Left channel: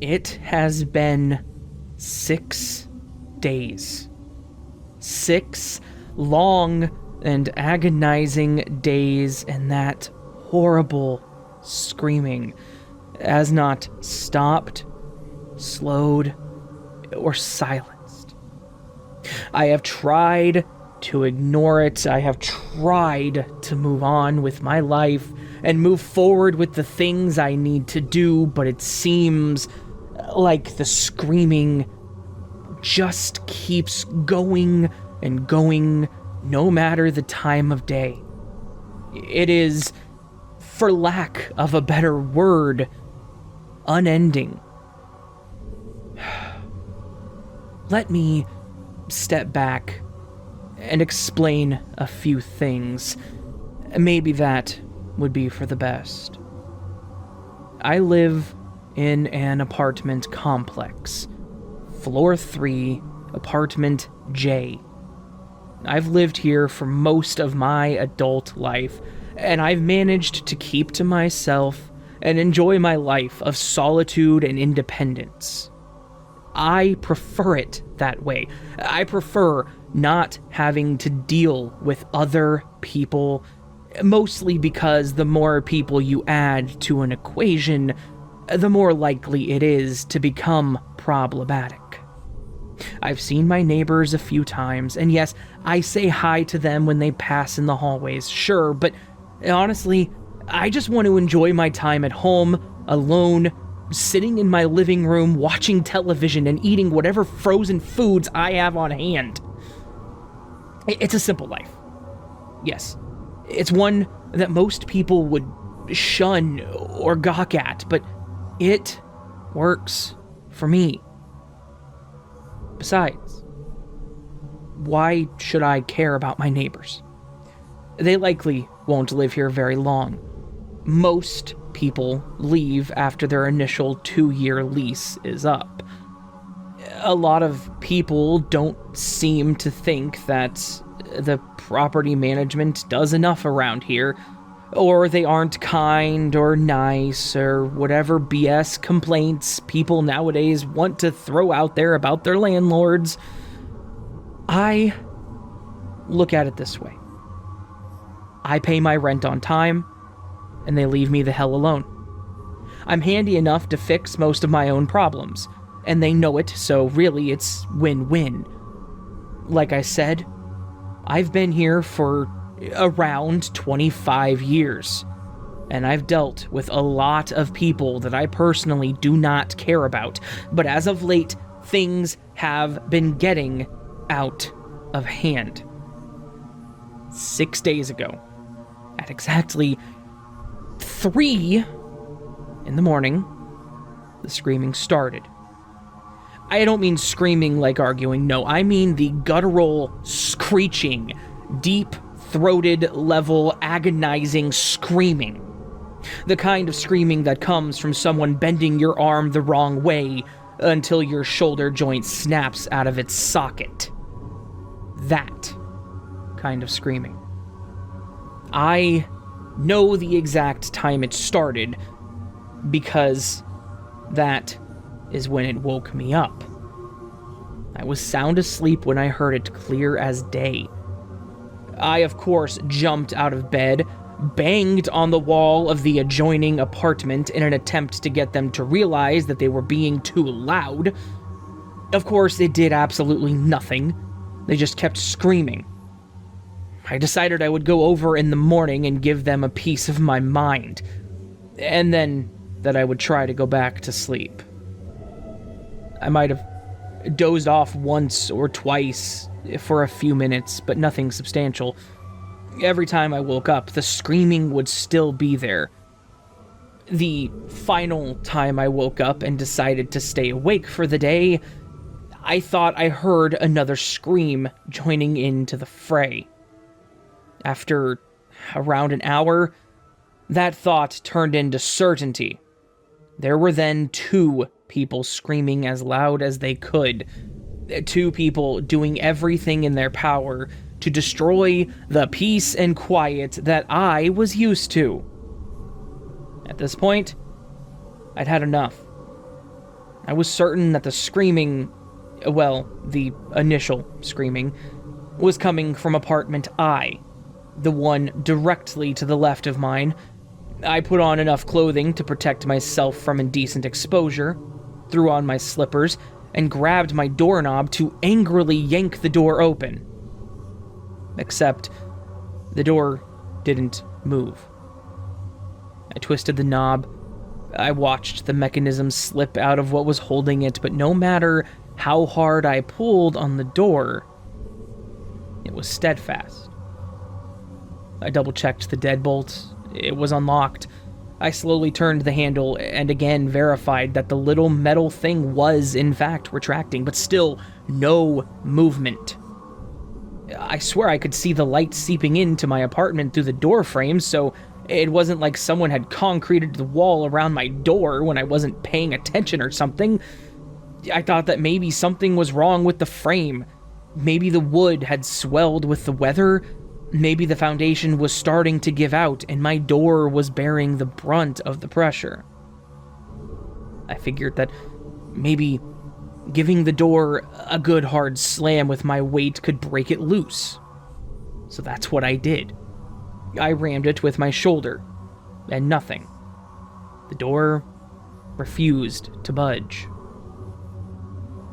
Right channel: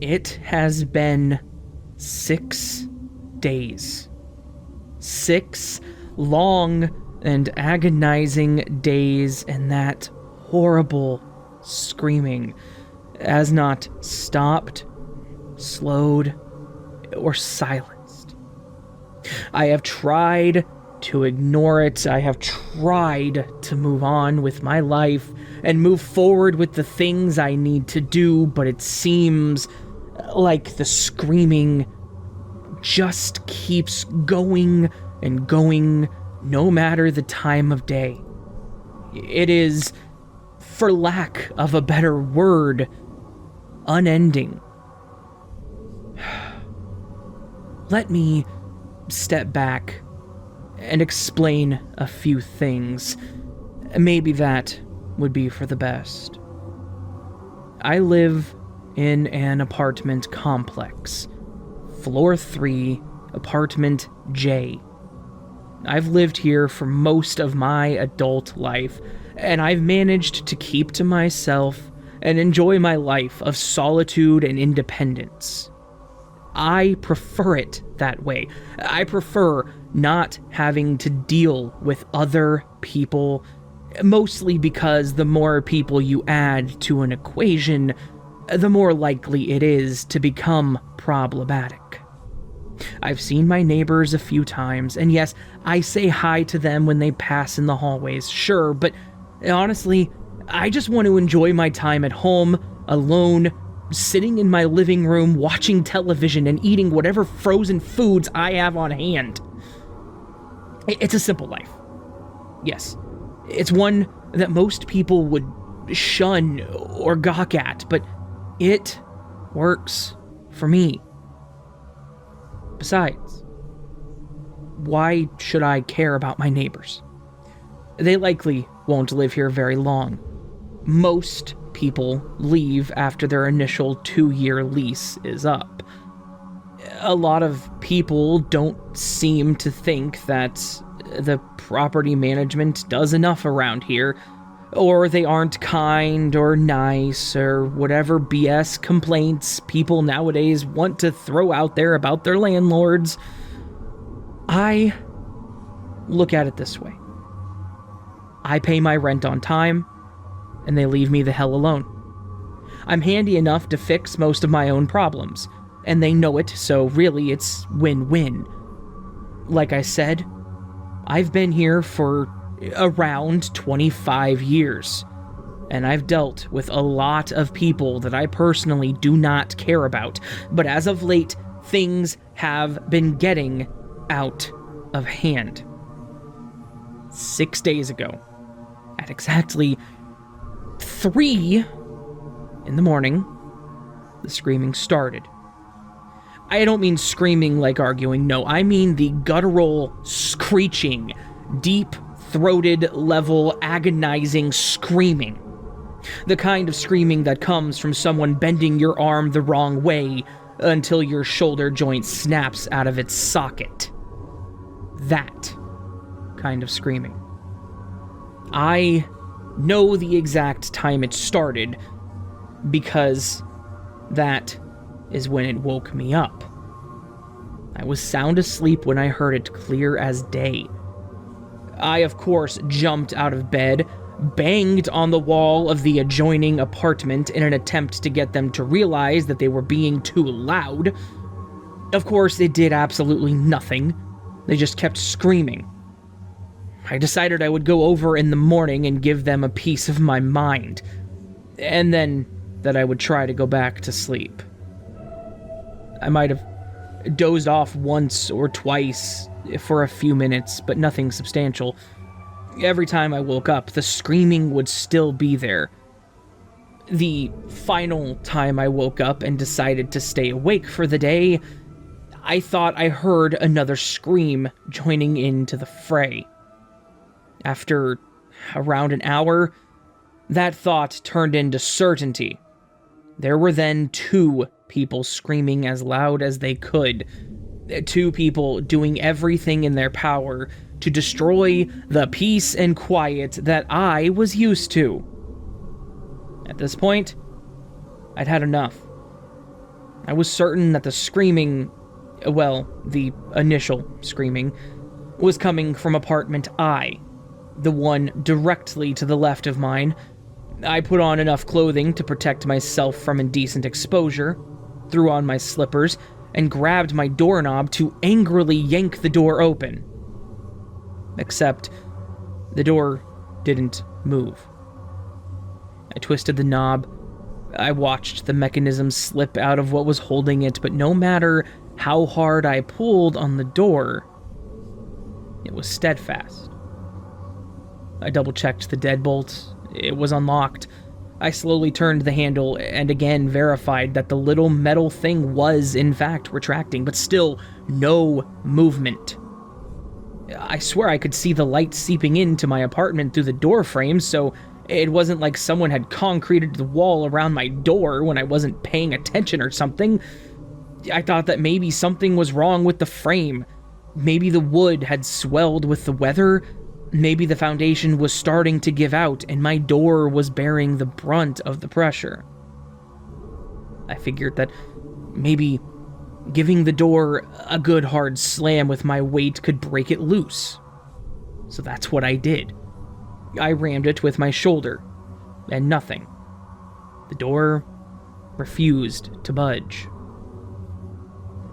It has been 6 days. 6 long and agonizing days, and that horrible screaming has not stopped, slowed, or silenced. I have tried to ignore it. I have tried to move on with my life and move forward with the things I need to do, but it seems like the screaming just keeps going and going, no matter the time of day. It is, for lack of a better word, unending. Let me step back and explain a few things. Maybe that would be for the best. I live in an apartment complex. Floor 3, apartment J. I've lived here for most of my adult life, and I've managed to keep to myself and enjoy my life of solitude and independence. I prefer it that way. I prefer not having to deal with other people, mostly because the more people you add to an equation, the more likely it is to become problematic. I've seen my neighbors a few times, and yes, I say hi to them when they pass in the hallways, sure, but honestly, I just want to enjoy my time at home, alone, sitting in my living room, watching television and eating whatever frozen foods I have on hand. It's a simple life. Yes, it's one that most people would shun or gawk at, but it works for me. Besides, why should I care about my neighbors? They likely won't live here very long. Most people leave after their initial 2-year lease is up. A lot of people don't seem to think that the property management does enough around here, or they aren't kind or nice, or whatever BS complaints people nowadays want to throw out there about their landlords. I look at it this way. I pay my rent on time, and they leave me the hell alone. I'm handy enough to fix most of my own problems, and they know it, so really it's win-win. Like I said, I've been here for around 25 years, and I've dealt with a lot of people that I personally do not care about, but as of late, things have been getting out of hand. 6 days ago, at exactly 3 in the morning, the screaming started. I don't mean screaming like arguing, no, I mean the guttural, screeching, deep-throated level, agonizing screaming. The kind of screaming that comes from someone bending your arm the wrong way until your shoulder joint snaps out of its socket. That kind of screaming. I know the exact time it started because that is when it woke me up. I was sound asleep when I heard it clear as day. I, of course, jumped out of bed, banged on the wall of the adjoining apartment in an attempt to get them to realize that they were being too loud. Of course, it did absolutely nothing. They just kept screaming. I decided I would go over in the morning and give them a piece of my mind, and then that I would try to go back to sleep. I might have dozed off once or twice for a few minutes, but nothing substantial. Every time I woke up, the screaming would still be there. The final time I woke up and decided to stay awake for the day, I thought I heard another scream joining into the fray. After around an hour, that thought turned into certainty. There were then 2 people screaming as loud as they could. 2 people doing everything in their power to destroy the peace and quiet that I was used to. At this point, I'd had enough. I was certain that the screaming, well, the initial screaming, was coming from apartment I, the one directly to the left of mine. I put on enough clothing to protect myself from indecent exposure, threw on my slippers, and grabbed my doorknob to angrily yank the door open. Except, the door didn't move. I twisted the knob. I watched the mechanism slip out of what was holding it, but no matter how hard I pulled on the door, it was steadfast. I double-checked the deadbolt. It was unlocked. I slowly turned the handle and again verified that the little metal thing was, in fact, retracting, but still no movement. I swear I could see the light seeping into my apartment through the door frame, so it wasn't like someone had concreted the wall around my door when I wasn't paying attention or something. I thought that maybe something was wrong with the frame. Maybe the wood had swelled with the weather. Maybe the foundation was starting to give out and my door was bearing the brunt of the pressure. I figured that maybe giving the door a good hard slam with my weight could break it loose. So that's what I did. I rammed it with my shoulder, and nothing. The door refused to budge.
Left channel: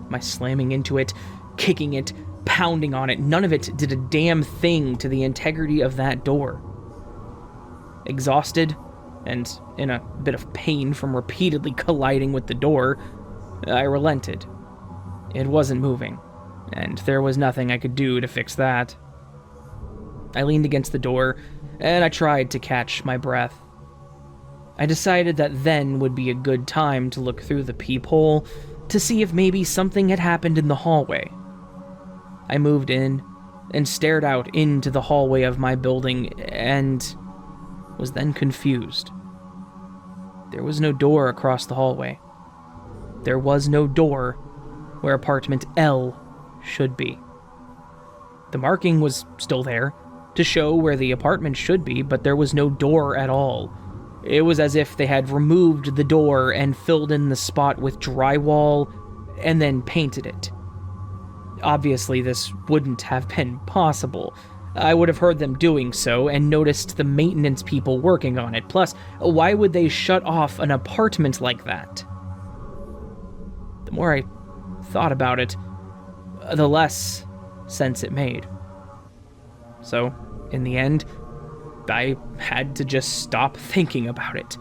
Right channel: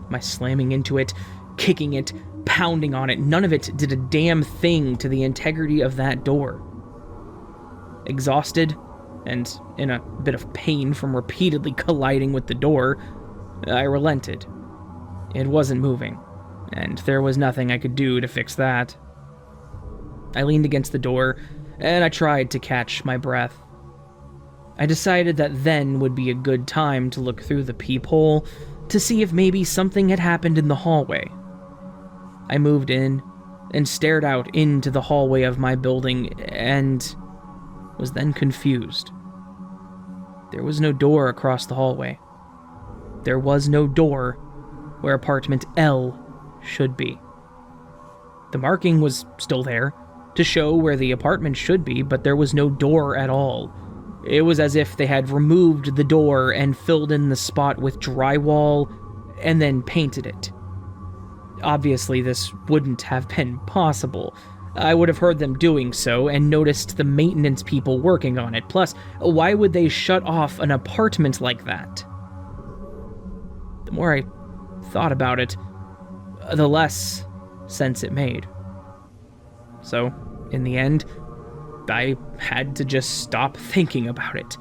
My slamming into it, kicking it, pounding on it, none of it did a damn thing to the integrity of that door. Exhausted, and in a bit of pain from repeatedly colliding with the door, I relented. It wasn't moving, and there was nothing I could do to fix that. I leaned against the door, and I tried to catch my breath. I decided that then would be a good time to look through the peephole to see if maybe something had happened in the hallway. I moved in and stared out into the hallway of my building and was then confused. There was no door across the hallway. There was no door where apartment L should be. The marking was still there to show where the apartment should be, but there was no door at all. It was as if they had removed the door and filled in the spot with drywall and then painted it. Obviously, this wouldn't have been possible. I would have heard them doing so and noticed the maintenance people working on it. Plus, why would they shut off an apartment like that? The more I thought about it, the less sense it made. So, in the end, I had to just stop thinking about it.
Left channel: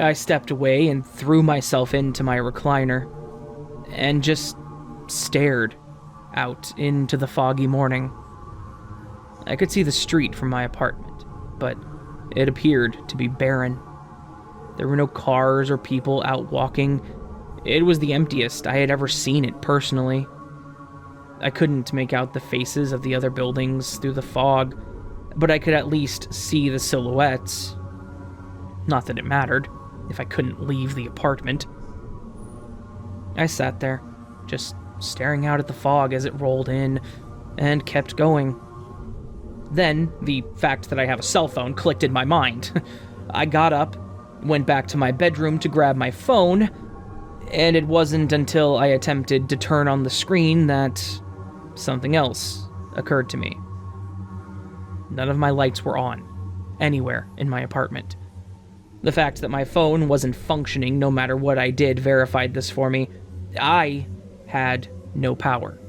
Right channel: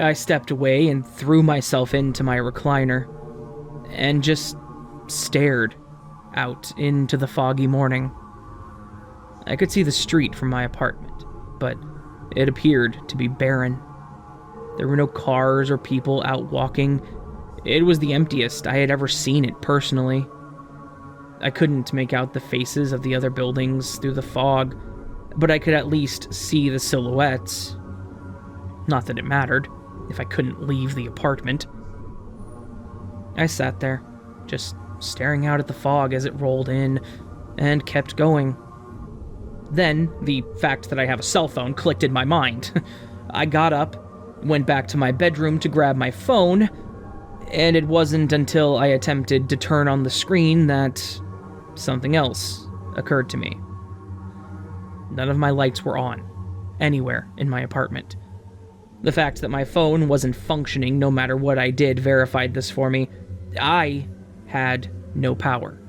I stepped away and threw myself into my recliner, and just stared out into the foggy morning. I could see the street from my apartment, but it appeared to be barren. There were no cars or people out walking. It was the emptiest I had ever seen it personally. I couldn't make out the faces of the other buildings through the fog, but I could at least see the silhouettes. Not that it mattered, if I couldn't leave the apartment. I sat there, just staring out at the fog as it rolled in, and kept going. Then, the fact that I have a cell phone clicked in my mind. I got up, went back to my bedroom to grab my phone, and it wasn't until I attempted to turn on the screen that something else occurred to me. None of my lights were on, anywhere in my apartment. The fact that my phone wasn't functioning no matter what I did verified this for me. I had no power.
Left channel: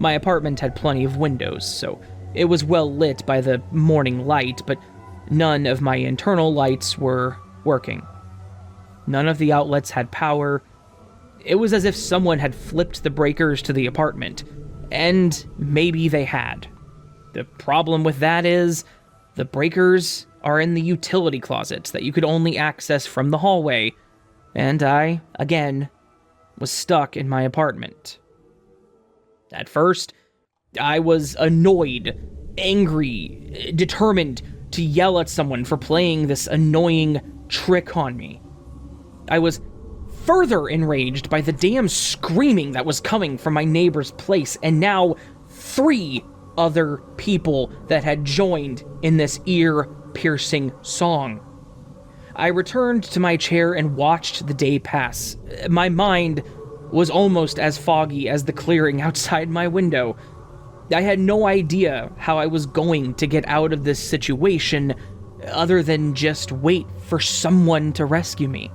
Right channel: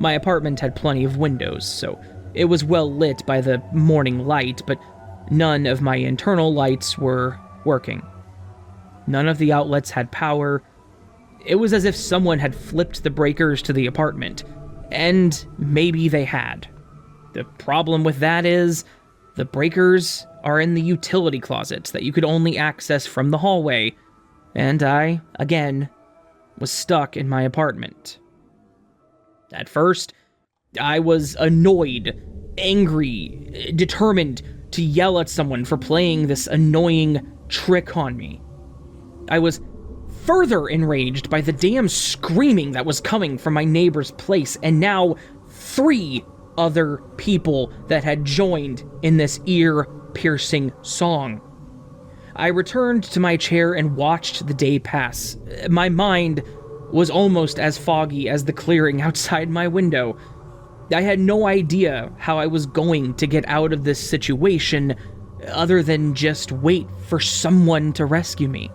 My apartment had plenty of windows, so it was well lit by the morning light, but none of my internal lights were working. None of the outlets had power. It was as if someone had flipped the breakers to the apartment, and maybe they had. The problem with that is, the breakers are in the utility closets that you could only access from the hallway, and I, again, was stuck in my apartment. At first, I was annoyed, angry, determined to yell at someone for playing this annoying trick on me. I was further enraged by the damn screaming that was coming from my neighbor's place, and now 3 other people that had joined in this ear-piercing song. I returned to my chair and watched the day pass. My mind was almost as foggy as the clearing outside my window. I had no idea how I was going to get out of this situation other than just wait for someone to rescue me.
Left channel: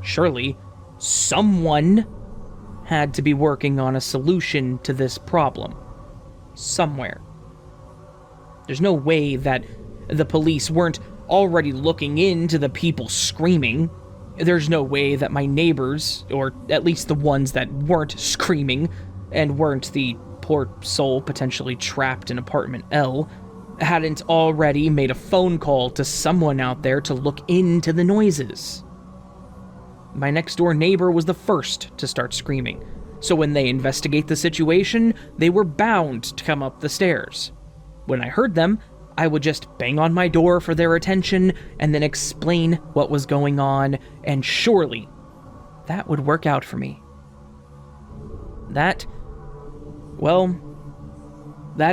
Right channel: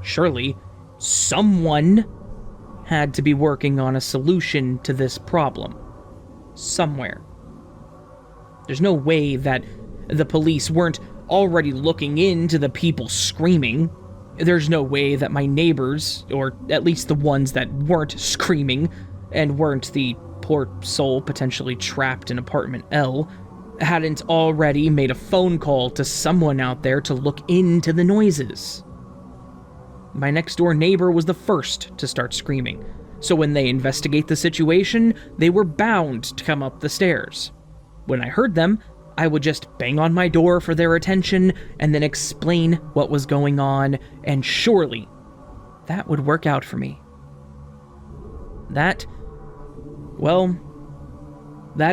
Surely, someone had to be working on a solution to this problem. Somewhere. There's no way that the police weren't already looking into the people screaming. There's no way that my neighbors, or at least the ones that weren't screaming, and weren't the poor soul potentially trapped in apartment L, hadn't already made a phone call to someone out there to look into the noises. My next-door neighbor was the first to start screaming, so when they investigate the situation, they were bound to come up the stairs. When I heard them, I would just bang on my door for their attention and then explain what was going on, and surely that would work out for me. That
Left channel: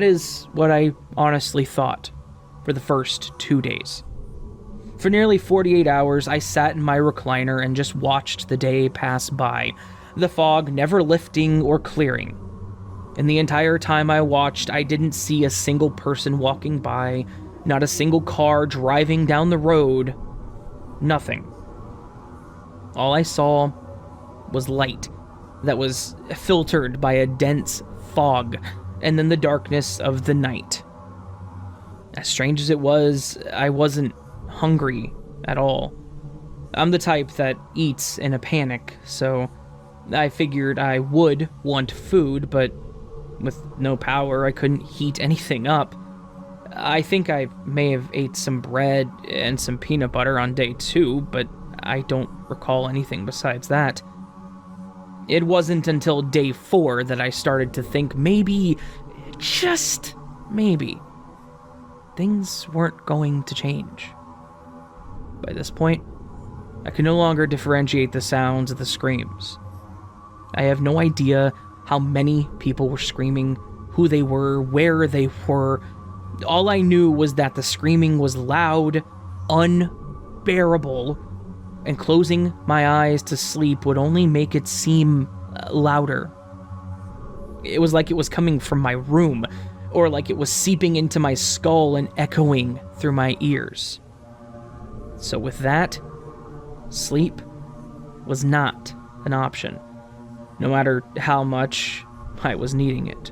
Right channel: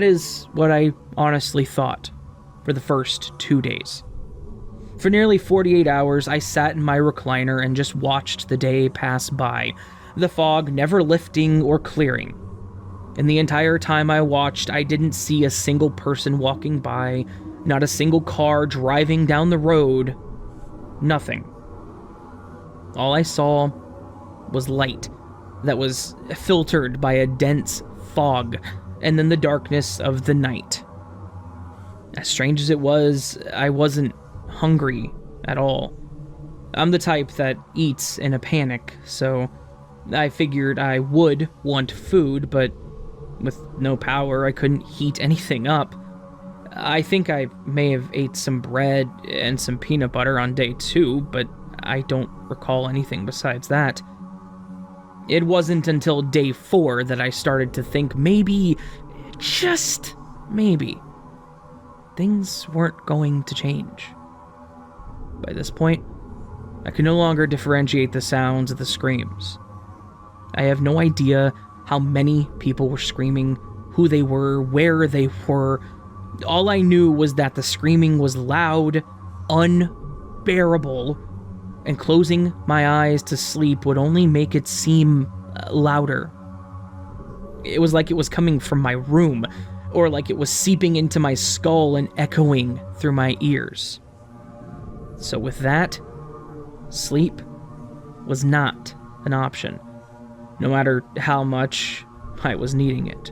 is what I honestly thought for the first 2 days. For nearly 48 hours, I sat in my recliner and just watched the day pass by, the fog never lifting or clearing. And the entire time I watched, I didn't see a single person walking by, not a single car driving down the road, nothing. All I saw was light that was filtered by a dense fog, and then the darkness of the night. As strange as it was, I wasn't hungry at all. I'm the type that eats in a panic, so I figured I would want food, but with no power, I couldn't heat anything up. I think I may have ate some bread and some peanut butter on day 2, but I don't recall anything besides that. It wasn't until day 4 that I started to think maybe, just maybe, things weren't going to change. By this point, I could no longer differentiate the sounds of the screams. I have no idea how many people were screaming, who they were, where they were. All I knew was that the screaming was loud, unbearable, and closing my eyes to sleep would only make it seem louder. It was like it was coming from my room, or like it was seeping into my skull and echoing through my ears. So with that, sleep was not an option, no matter how much I was needing it.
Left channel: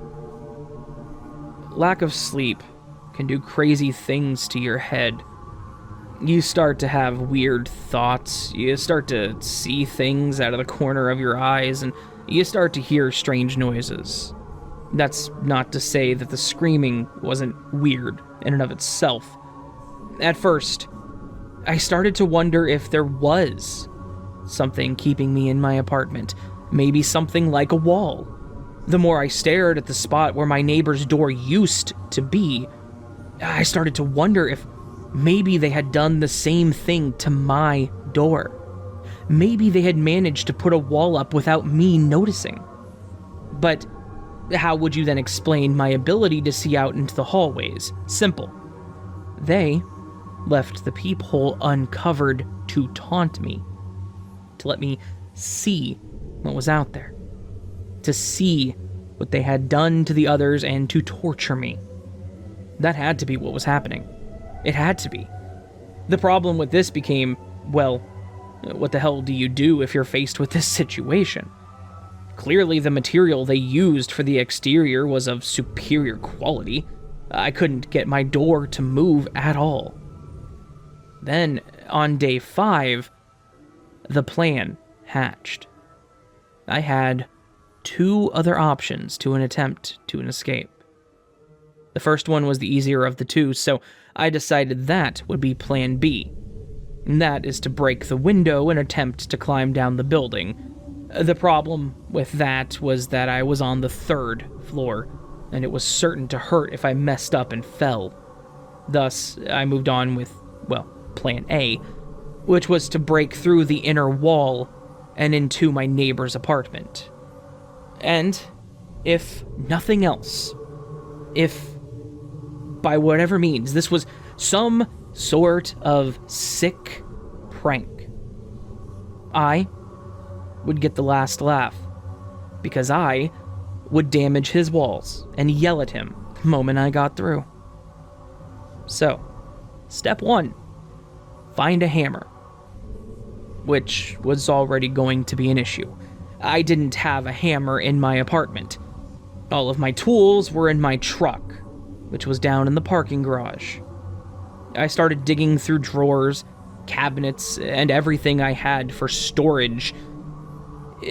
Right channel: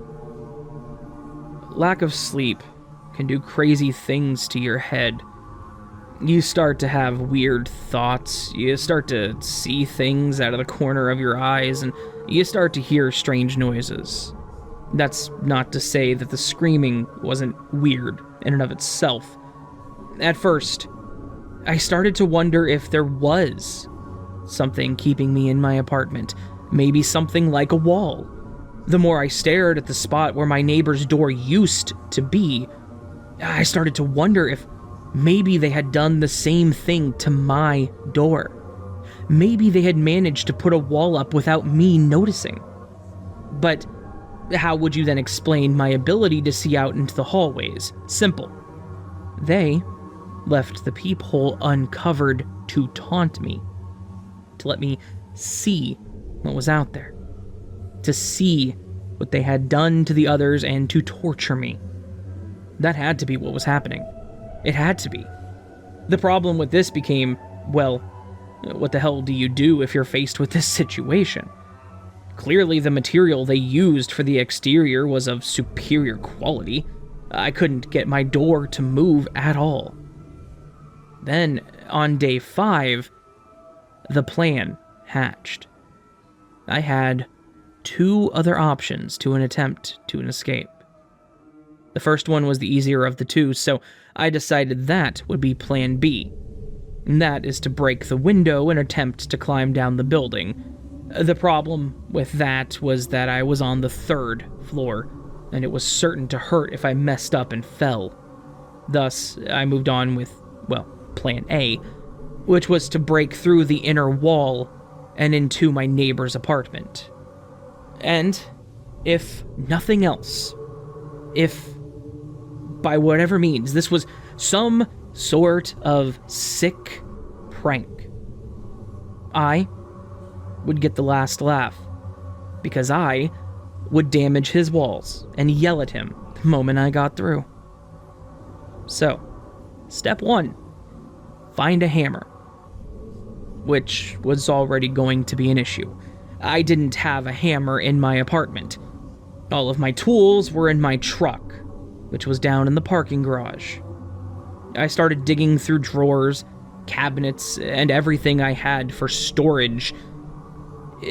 Lack of sleep can do crazy things to your head. You start to have weird thoughts, you start to see things out of the corner of your eyes, and you start to hear strange noises. That's not to say that the screaming wasn't weird in and of itself. At first, I started to wonder if there was something keeping me in my apartment, maybe something like a wall. The more I stared at the spot where my neighbor's door used to be, I started to wonder if maybe they had done the same thing to my door. Maybe they had managed to put a wall up without me noticing. But how would you then explain my ability to see out into the hallways? Simple. They left the peephole uncovered to taunt me, to let me see what was out there, to see what they had done to the others and to torture me. That had to be what was happening. It had to be. The problem with this became, well, what the hell do you do if you're faced with this situation? Clearly the material they used for the exterior was of superior quality. I couldn't get my door to move at all. Then, on day 5, the plan hatched. I had 2 other options to an attempt to an escape. The first one was the easier of the 2, so I decided that would be plan B. And that is to break the window and attempt to climb down the building. The problem with that was that I was on the 3rd floor, and it was certain to hurt if I messed up and fell. Thus, I moved on with, well, plan A, which was to break through the inner wall and into my neighbor's apartment. And, if nothing else, if, by whatever means, this was some sort of sick prank. I would get the last laugh, because I would damage his walls and yell at him the moment I got through. So, step 1, find a hammer, which was already going to be an issue. I didn't have a hammer in my apartment. All of my tools were in my truck, which was down in the parking garage. I started digging through drawers, cabinets, and everything I had for storage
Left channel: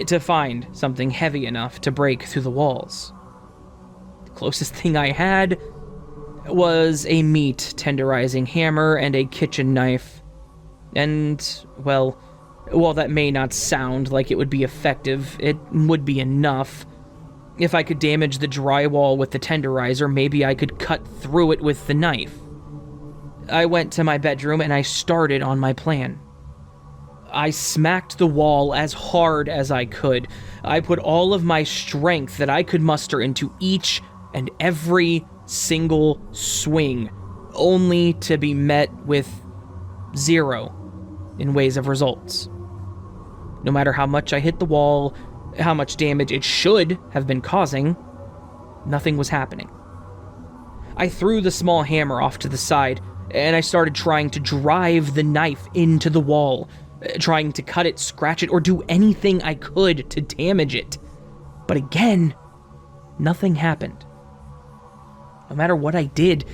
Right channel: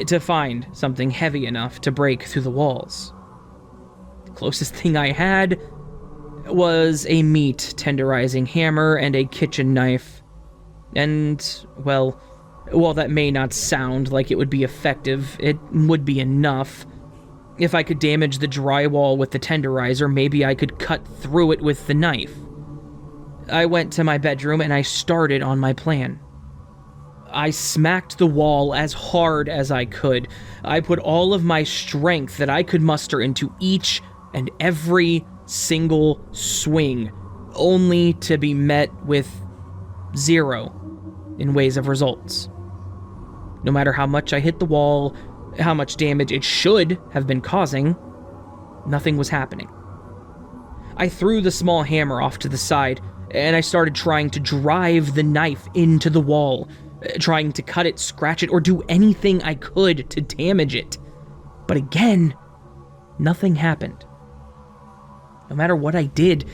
to find something heavy enough to break through the walls. The closest thing I had was a meat tenderizing hammer and a kitchen knife. And, well, while that may not sound like it would be effective, it would be enough. If I could damage the drywall with the tenderizer, maybe I could cut through it with the knife. I went to my bedroom and I started on my plan. I smacked the wall as hard as I could. I put all of my strength that I could muster into each and every single swing, only to be met with 0 in ways of results. No matter how much I hit the wall, how much damage it should have been causing, nothing was happening. I threw the small hammer off to the side, and I started trying to drive the knife into the wall, trying to cut it, scratch it, or do anything I could to damage it. But again, nothing happened. No matter what I did,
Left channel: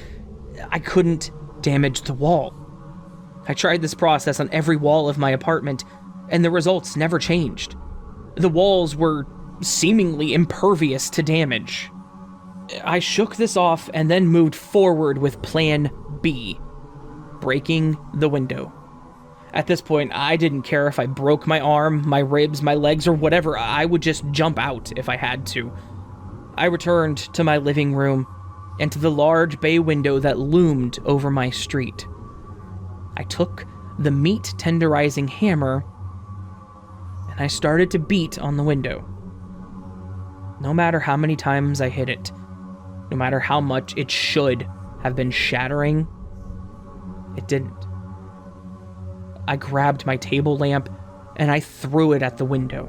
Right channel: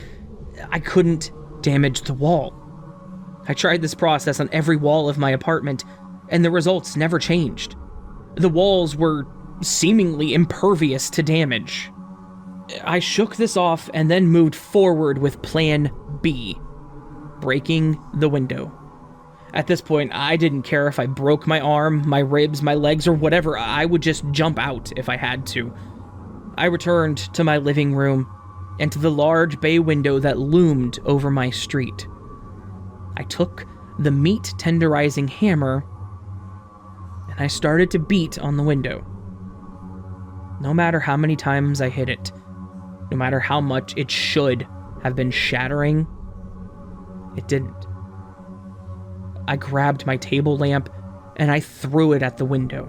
I couldn't damage the wall. I tried this process on every wall of my apartment, and the results never changed. The walls were seemingly impervious to damage. I shook this off and then moved forward with Plan B, breaking the window. At this point, I didn't care if I broke my arm, my ribs, my legs, or whatever. I would just jump out if I had to. I returned to my living room and to the large bay window that loomed over my street. I took the meat tenderizing hammer and I started to beat on the window. No matter how many times I hit it, no matter how much it should have been shattering, it didn't. I grabbed my table lamp and I threw it at the window.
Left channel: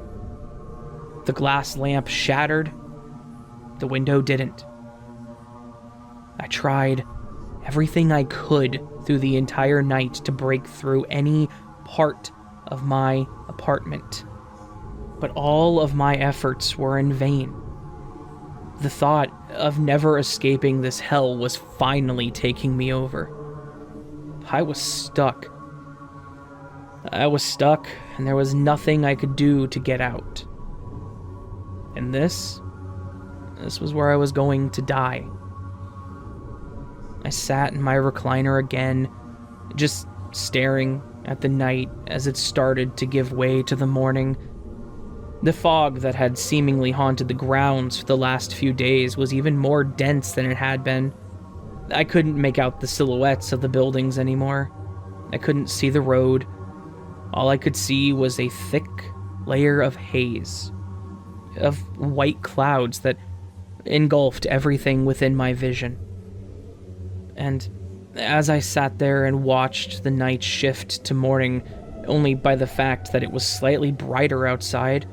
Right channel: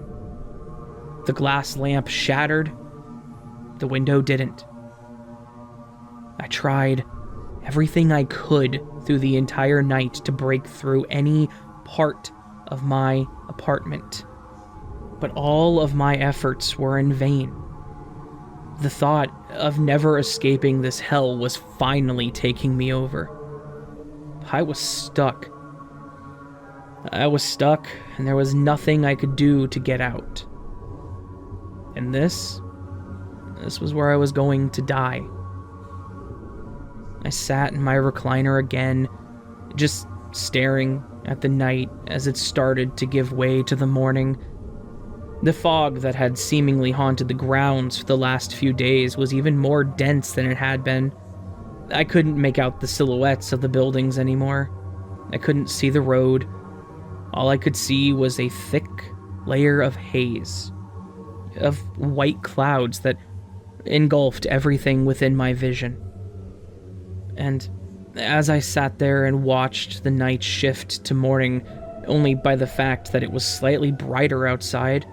The glass lamp shattered. The window didn't. I tried everything I could through the entire night to break through any part of my apartment, but all of my efforts were in vain. The thought of never escaping this hell was finally taking me over. I was stuck. And there was nothing I could do to get out. And this was where I was going to die. I sat in my recliner again, just staring at the night as it started to give way to the morning. The fog that had seemingly haunted the grounds for the last few days was even more dense than it had been. I couldn't make out the silhouettes of the buildings anymore. I couldn't see the road. All I could see was a thick layer of haze, of white clouds that engulfed everything within my vision. And as I sat there and watched the night shift to morning, only by the fact that it was slightly brighter outside,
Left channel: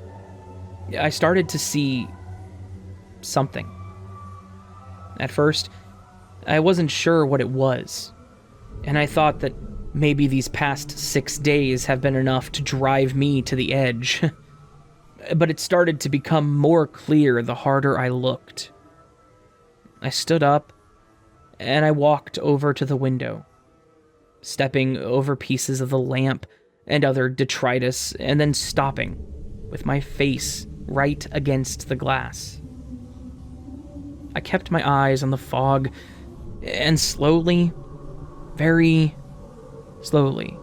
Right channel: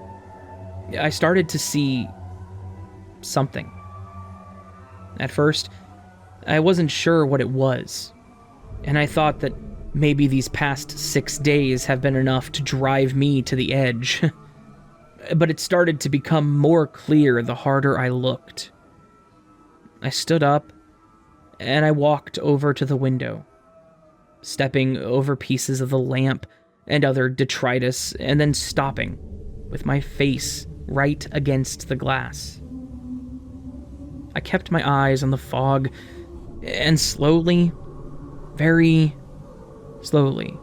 I started to see something. At first, I wasn't sure what it was, and I thought that maybe these past 6 days have been enough to drive me to the edge. But it started to become more clear the harder I looked. I stood up, and I walked over to the window, stepping over pieces of the lamp and other detritus, and then stopping with my face right against the glass. I kept my eyes on the fog, and slowly, very slowly,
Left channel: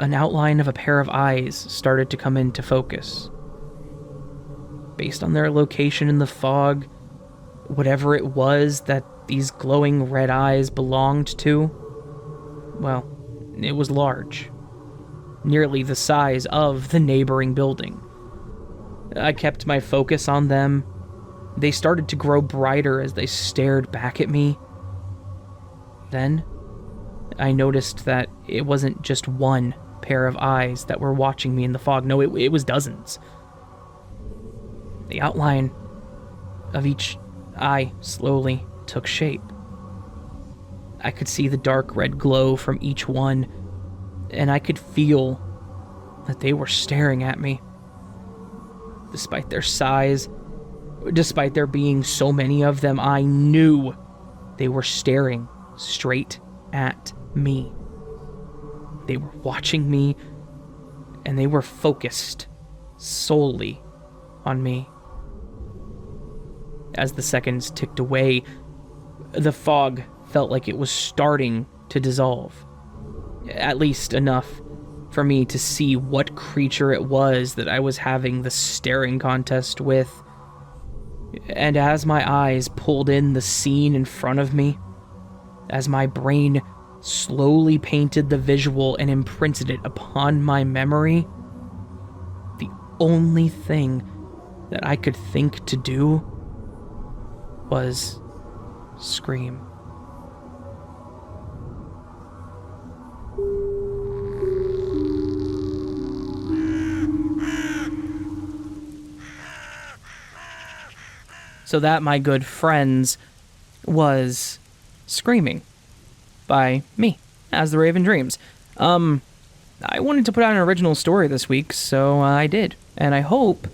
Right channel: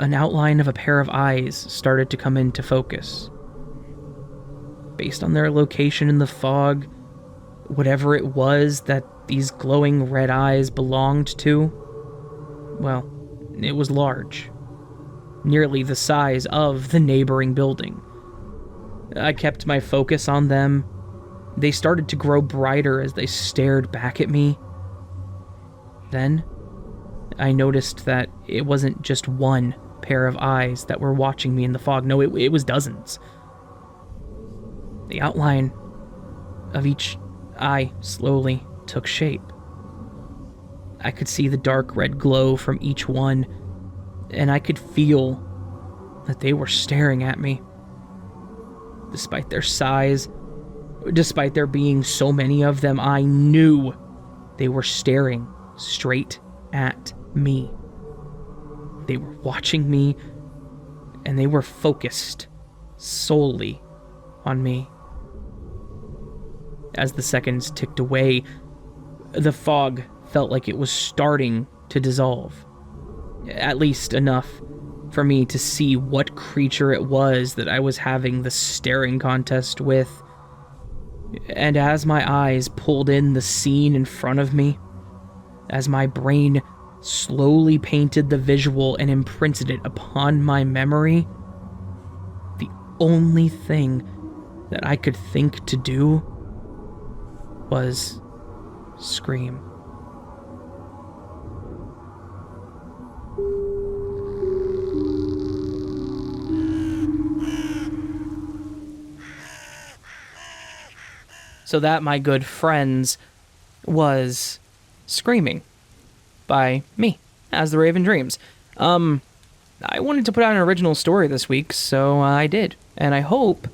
an outline of a pair of eyes started to come into focus. Based on their location in the fog, whatever it was that these glowing red eyes belonged to, well, it was large, nearly the size of the neighboring building. I kept my focus on them. They started to grow brighter as they stared back at me. Then, I noticed that it wasn't just one pair of eyes that were watching me in the fog. No, it was dozens. The outline of each eye slowly took shape. I could see the dark red glow from each one, and I could feel that they were staring at me. Despite their size, despite there being so many of them, I knew they were staring straight at me. They were watching me, and they were focused solely on me. As the seconds ticked away, the fog felt like it was starting to dissolve. At least enough for me to see what creature it was that I was having the staring contest with. And as my eyes pulled in the scene in front of me, as my brain slowly painted the visual and imprinted it upon my memory, the only thing that I could think to do was scream. So that, my good friends, was Screaming by me, AsTheRavenDreams. I wanted to put out an original story this week, so I did. And I hope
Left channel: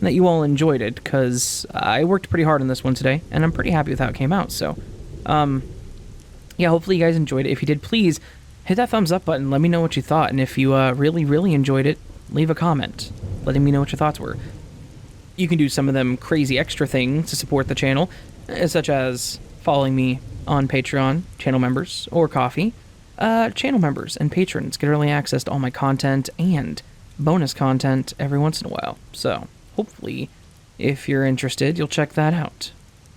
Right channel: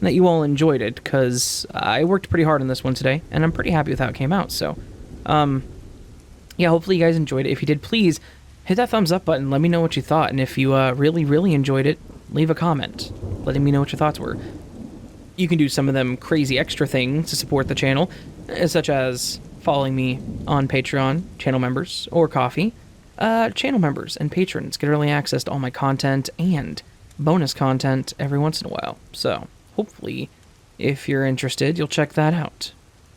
that you all enjoyed it, because I worked pretty hard on this one today, and I'm pretty happy with how it came out. So, yeah, hopefully you guys enjoyed it. If you did, please hit that thumbs up button. Let me know what you thought. And if you really, really enjoyed it, leave a comment letting me know what your thoughts were. You can do some of them crazy extra things to support the channel, such as following me on Patreon, channel members, or Coffee. Channel members and patrons get early access to all my content and bonus content every once in a while. So, hopefully, if you're interested, you'll check that out.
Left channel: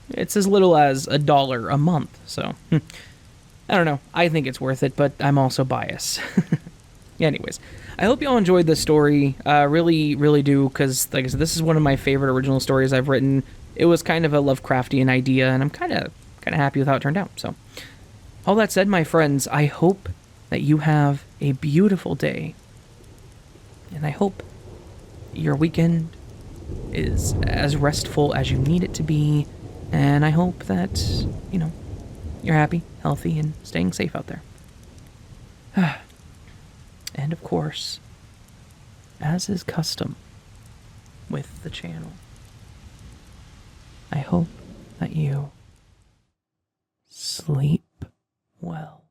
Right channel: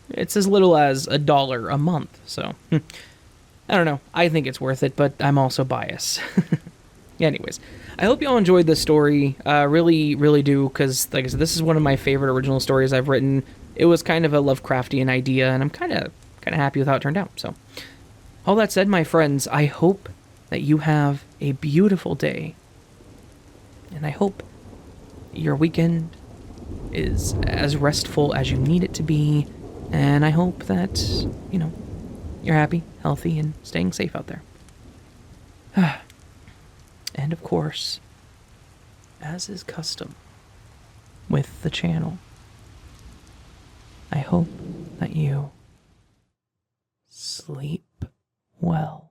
It's as little as $1 a month, so I don't know. I think it's worth it, but I'm also biased. Anyways, I hope you all enjoyed this story. Really, really do, because, like I said, this is one of my favorite original stories I've written. It was kind of a Lovecraftian idea, and I'm kind of happy with how it turned out. So, all that said, my friends, I hope that you have a beautiful day, and I hope your weekend is as restful as you need it to be, and I hope that, you're happy, healthy, and staying safe out there. And of course, as is custom with the channel, I hope that you sleep well.